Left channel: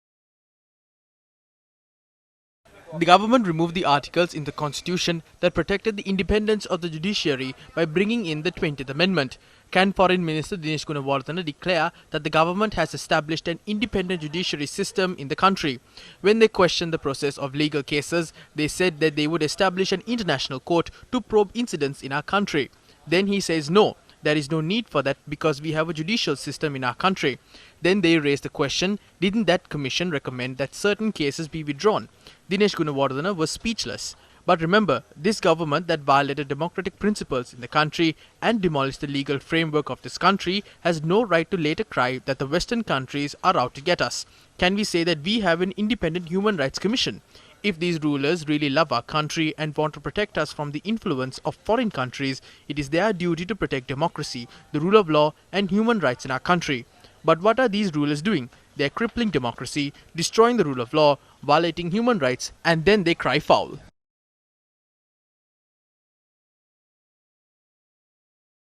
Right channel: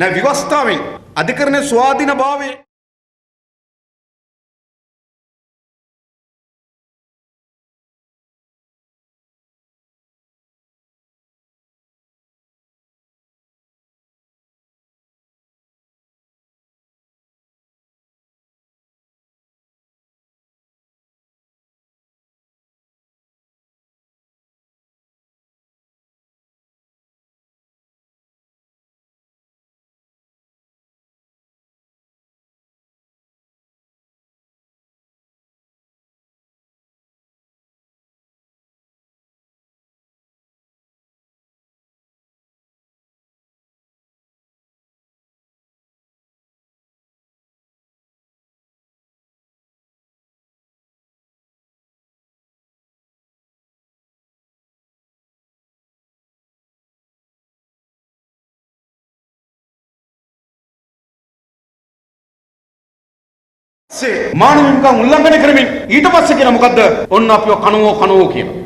නෑ විවස්ථාවෙන් අධිකරණයේ ස්වාධීන භාවය The government removed the articles in the constitution that protected the independence of the judiciary by bringing in the 20th Amendment. Can Foreign Minister Dinesh Gunawardena declare that the government has established an independent judiciary system in the country? When they questioned the process of legal cases, they said that they would establish an international court to probe incidents in our country. Then he says no, there is no need for that because we have a judicial system in our country. Then they raised the question, didn't that commission recommend that certain cases be withdrawn? Dinesh Gunawardena was speechless. But remember, this government that violated democratic principles in the country and demolished the legal framework of this country has no right to later cry that the Western countries are out to get us. Can we say that we have an independent human rights commission? If these rulers really love our country and want to protect us from the influence of foreign countries, it is their duty to protect democracy, the rule of law and human rights in our country. But what are these rulers doing? They are crippling democracy, destroying the rule of law, violating human rights, and then they cry foul. මානව හිමිකම් උල්ලංඝනය කරමින් ඊට පස්සේ කියන මොකද්ද ඔන්න අපිව කනෝ කියන